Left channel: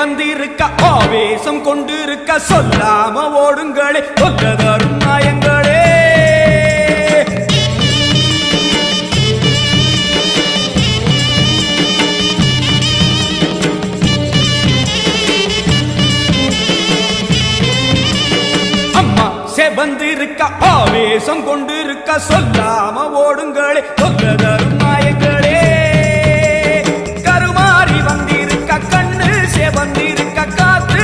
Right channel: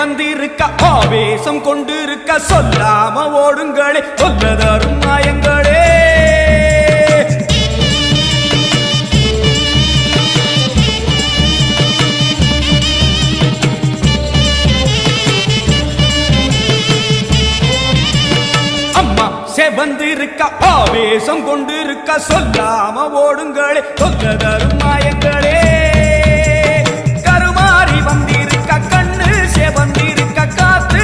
செவந்திருக்க ஆவேசம் கொண்டிருக்க சொல்லாம ஓடுங்களே சொல்லதரும் மாயங்களே. அம்மா செவந்திருக்க ஆவேசம் கொண்டிருக்க சொல்லாம ஓடுங்களே சொல்லதரும் மாயங்களே. கருமாறி வந்திருக்க கண்ணு செவந்திருக்க காத்து